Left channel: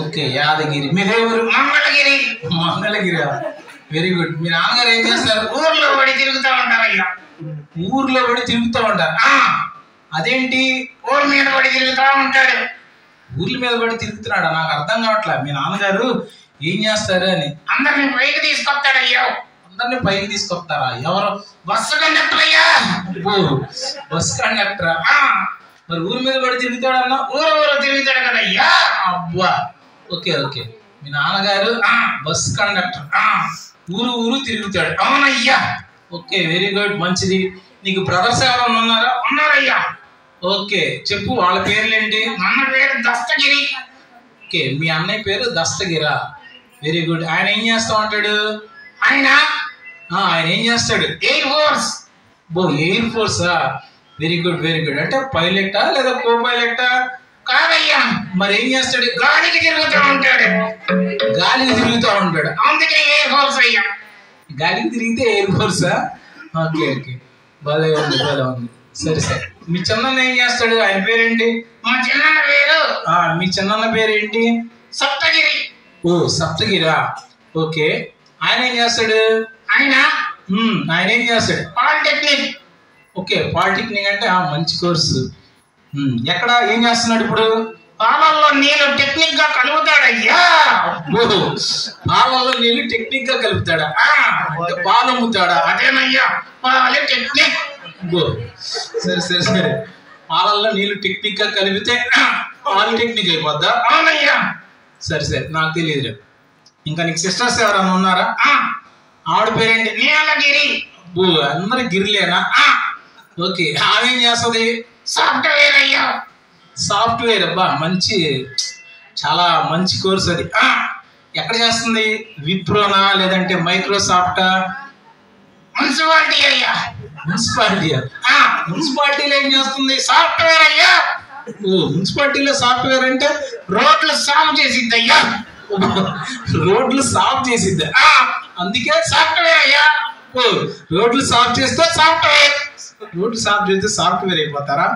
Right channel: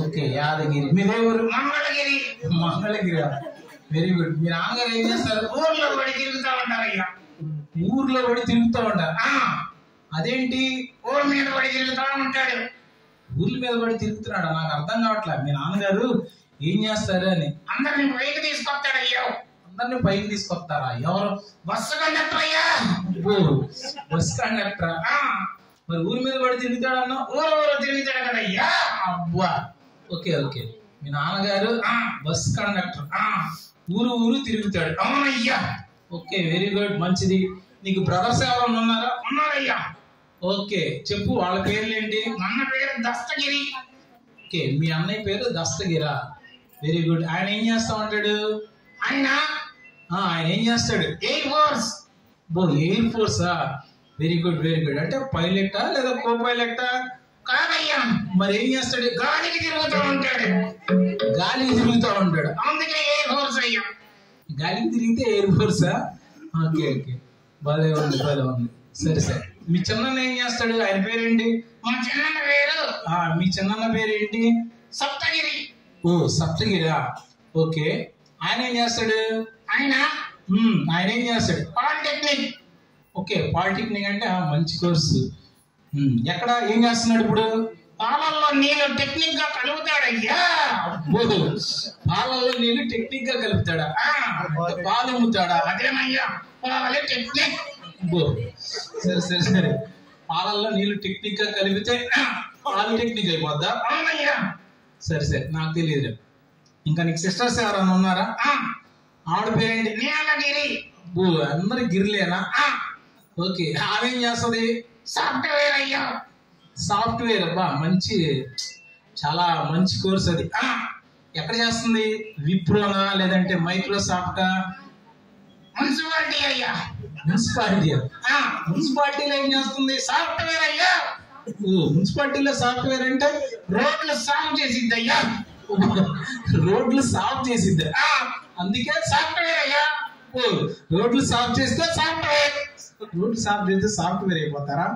Okay, Yadagiri. మీదే ఊరు? Mangalagiri. Mangalagiri. Very good. మీ నాన్నగారు ఏం చేస్తారు? ఊర్లో పడి తిరుగుతా ఉంటారయ్యా. ఊర్లో పడి తిరుగుతూ ఉంటారు. అదేంటి? ఊరు మీద పడి తిరుగుతా ఉంటాడు. ఊర్ల మీద పడి తిరుగుతున్నాడా? నాకు అర్థం కావట్లే. మీ నాన్నగారు ఏం చేస్తారు అని. అందరిని పైకి తీసుకొస్తాడయ్యా. అందరిని పైకి తీసుకొస్తారా? ఎవరు? బస్సు కండక్టర్ అయ్యా. బస్ కండక్టరా? మరి ఊరి మీద పడి తిరుగుతాడన్నా? ఊరు తిరుగుతాడు కదయ్యా. అబ్బా, ఓకే ఓకే. మీ నాన్నగారు బస్ కండక్టర్, ఊరు తిరుగుతాడు. అవునయ్యా. ఓకే, వెరీ గుడ్, మంచిది. నీకు బ్రదర్స్ ఎవరన్నా ఉన్నారా? ఉన్నారయ్యా. ఓకే, చెప్పు వాళ్ళ పేర్లేంటి? అన్న పేరు దస్తగిరి. ఓకే, మీ అన్నయ్య పేరు దస్తగిరా. Very good. ఆయన ఏం చేస్తా ఉంటాడు? ఆయన ఏం చేస్తాడు? Air force. ఎయిర్ ఫోర్సా? Very good very good. అంటే పైలటా లేదా కో పైలటా? కాదయ్యా. మరి ఏం చేస్తాడు? గాలికి తిరుగుతూ ఉంటాడు. గాలికి తిరుగుతూ ఉంటాడు, అందుకే ఎయిర్ ఫోర్స్ అయ్యా. గాలికి తిరిగితే ఎయిర్ ఫోర్సా? ఓకే ఓకే, బాగా ఉంది బాగా ఉంది. సరే సరే. మీ చిన్నన్న ఏం చేస్తాడు? ఆయన పేరేంటి? మా చిన్నన్న పేరు మీ చిన్నన్న పేరేంటి? సప్తగిరి. సప్తగిరా. ఓకే, ఆయన ఏం చేస్తాడు? ఆయన ఏం చేస్తాడు? పాలిటెక్నిక్. ఓకే, పాలిటెక్నిక్ అంటే మంచి కోర్సు. ఎక్కడ ఏం చేస్తున్నాడు ఇప్పుడు? పాలల్లో నీళ్ళు టెక్నిక్ గా కలుపుతాడయ్యా. పాలల్లో నీళ్ళు టెక్నిక్ గా కలుపుతాడా? పాలు అమ్ముతాడా? అదేనయ్యా, పాలిటెక్నిక్. సరే సరే సరే. పాలల్లో నీళ్ళు టెక్నిక్ గా కలిపితే పాలిటెక్నిక్ అయిపోద్దా? అవునయ్యా. సరే సరే, నాకు తెలియదు. ఇంకా నీకు సిస్టర్స్ ఎవరన్నా ఉన్నారా? ఆవిడ పేరేంటి? నీలగిరి. అందరి గిరిలేనా? ఓకే, ఆమె ఏం చేస్తుంది? సాఫ్ట్వేర్ అయ్యా. సాఫ్ట్వేర్. అబ్బా, మంచి, చాలా మంచి కోర్స్ అది. ఎక్కడ చేస్తుంది? విప్రోనా లేదంటే మైక్రోసాఫ్టా? మున్సిపాలిటీ అయ్యా. మున్సిపాలిటీయా? మున్సిపాలిటీలో ఏం చేస్తుంది? సాఫ్ట్వేర్ అయ్యా. మున్సిపాలిటీలో సాఫ్ట్వేర్ అంటే రోడ్లు సాఫ్ చేసిద్ది అయ్యా. రోడ్లు సాఫ్ చేసిద్దా? అందుకే సాఫ్ట్వేర్ అయ్యా. రోడ్లు సాఫ్ చేస్తే సాఫ్ట్వేర్. రోడ్లు సాఫ్ చేస్తే సాఫ్ట్వేర్ అయిపోతారా?